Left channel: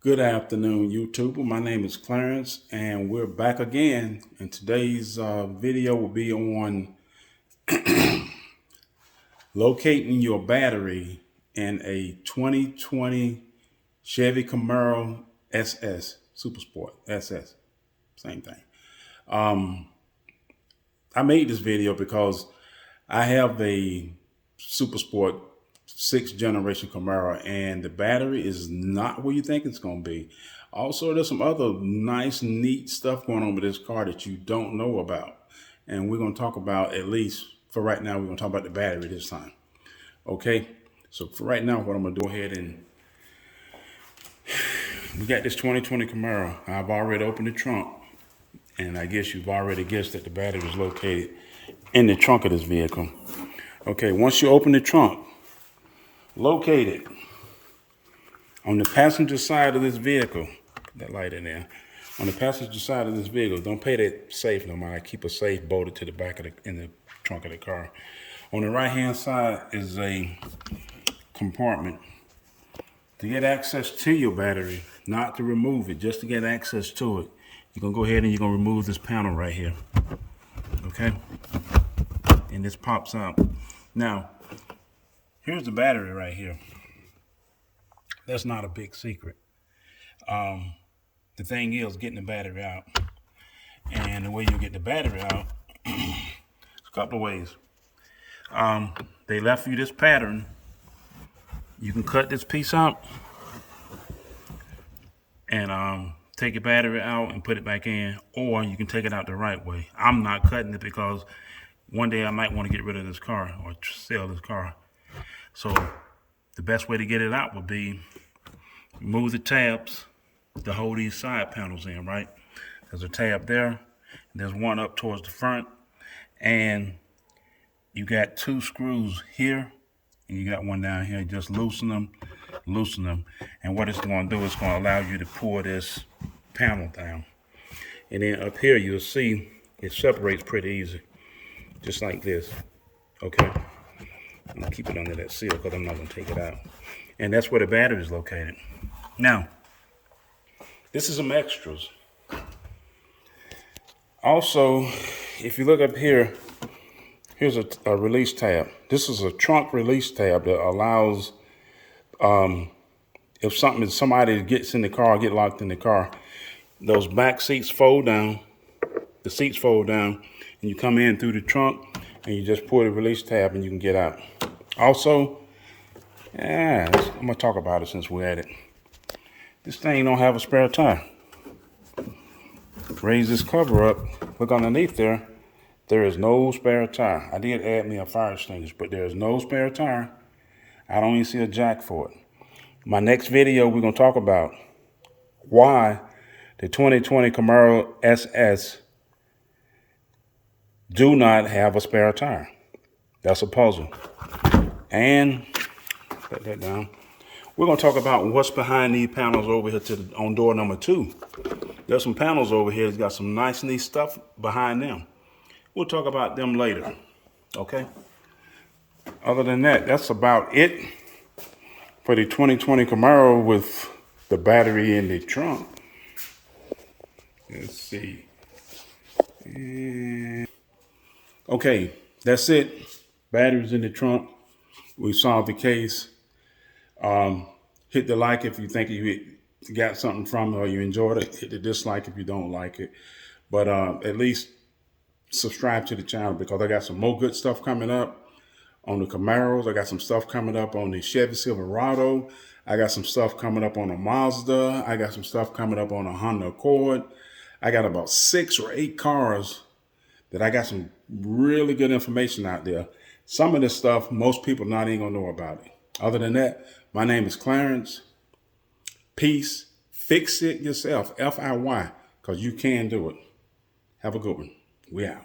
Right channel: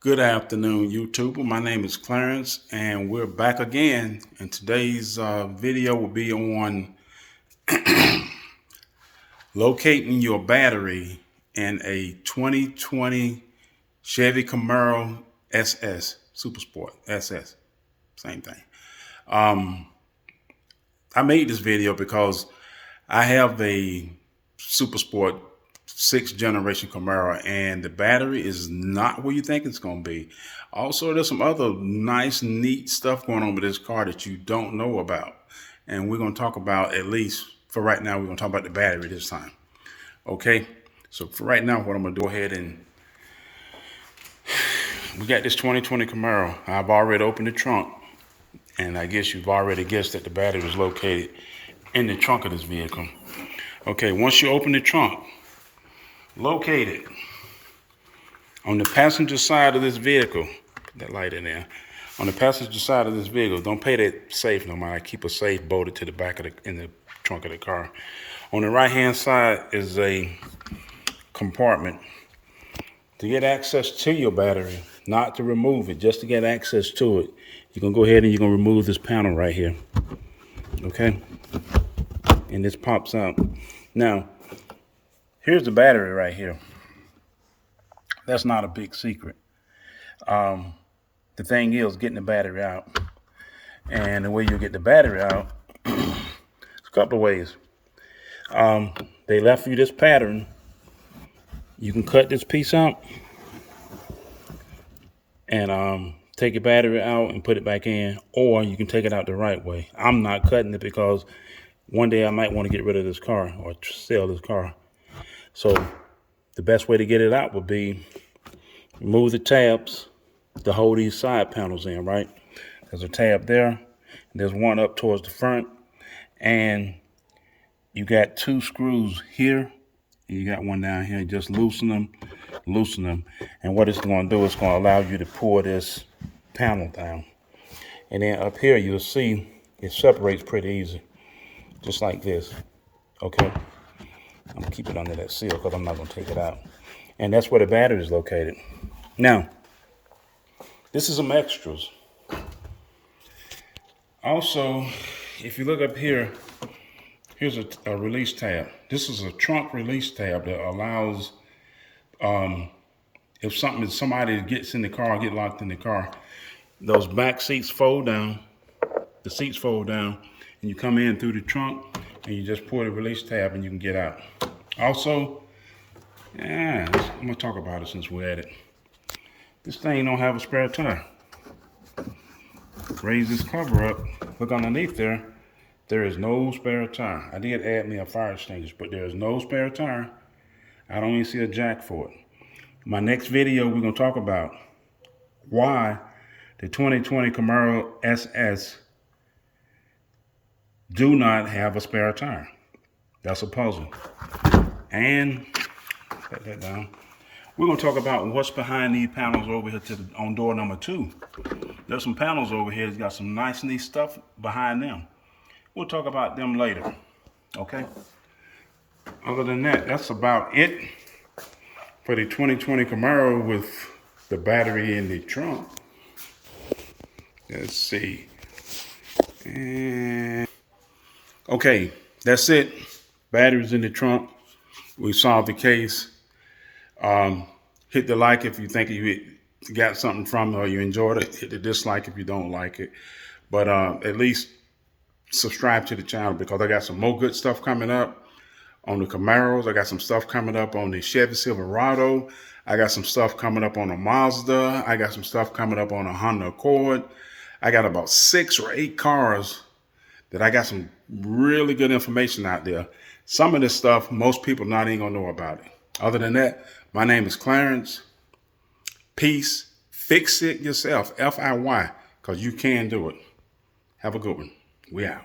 Good afternoon, YouTube. My name is Clarence, and we're back again. And today's video will be on locating your battery in a 2020 Chevy Camaro SS, Super Sport SS, same thing. I made this video because I have a Super Sport 6th generation Camaro, and the battery is not where you think it's going to be. Also, there's some other nice, neat stuff going on with this car that you don't know about. And we're going to talk about, at least for right now, we're going to talk about the battery this time. Okay, so for right now, what I'm going to do ahead and we got this 2020 Camaro. I've already opened the trunk, and I guess you've already guessed that the battery is located in the trunk of this vehicle. Okay, once you open the trunk, locate it on the passenger side of this vehicle. Put that light in there. On the passenger side of this vehicle, don't pay that safe no more. I keep a safe bolted to the back of in the trunk of the car. On the right hand side is a compartment to get access to your battery, not to remove it, just to get access to it. You're gonna go ahead and you're gonna remove this panel right here. Okay? And this pops out. Now, here's the battery right here. That's not a big secret. The thing is getting the battery out. And the way you get the battery out, there's a couple of ways. They left you this pattern. You can cut this piece out and take your battery out and put it back in, or you can take it out the right way. I'm not cutting it because one day I might want to get rid of this car or sell this car. So the best way to get it out would be remove the tabs to hold these side panels in, right? There's a tab there. There's one up towards the front. And you got two screws here. And you got one down here. Just loosen them. And what it's going to do is going to allow you to pull this panel down. And then up here, you'll see it separates pretty easy. Just like this. Okay. I'm going to keep it under that seal because I'm not going to take it out. And that's where the battery is located. Now, this is some extras. Also, if you look up here, here's a release tab. This is a trunk release tab that allows, if somebody gets in the car, get locked in the car, those back seats fold down, the seats fold down, and you come in through the trunk, and you just pull the release tab and you can get out. Also, I'm gonna talk about it since we're at it. This thing don't have a spare tire. Raise this cover up, look underneath there. There is no spare tire. I did add me a fire extinguisher, but there is no spare tire. I don't even see a jack for it. My next video, we're gonna talk about why the 2020 Camaro SS do not have a spare tire. That's a puzzle. And put that down. We're gonna talk about what's behind these panels over here on door number 2. There's some panels over here that's got some nice, neat stuff behind them. We'll talk about them later, okay? Other than that, that's about it for the 2020 Camaro with the battery in the trunk. Let's see. Okay, that's it. Batteries in the trunk. We solved the case. Hit the like if you think you got something from it or you enjoyed it. Hit the dislike if you don't like it. But at least subscribe to the channel because I got some more good stuff coming up on the Camaros. I got some stuff coming up on the Chevy Silverado. I got some stuff coming up on a Mazda. I got some stuff coming up on a Honda Accord. I got about 6 or 8 cars that I got some really good information out there. Some of this stuff, most people not even gonna know about it. Other than that, my name is Clarence. Peace. Fix it yourself, FIY, because you can do it. Have a good one. We out.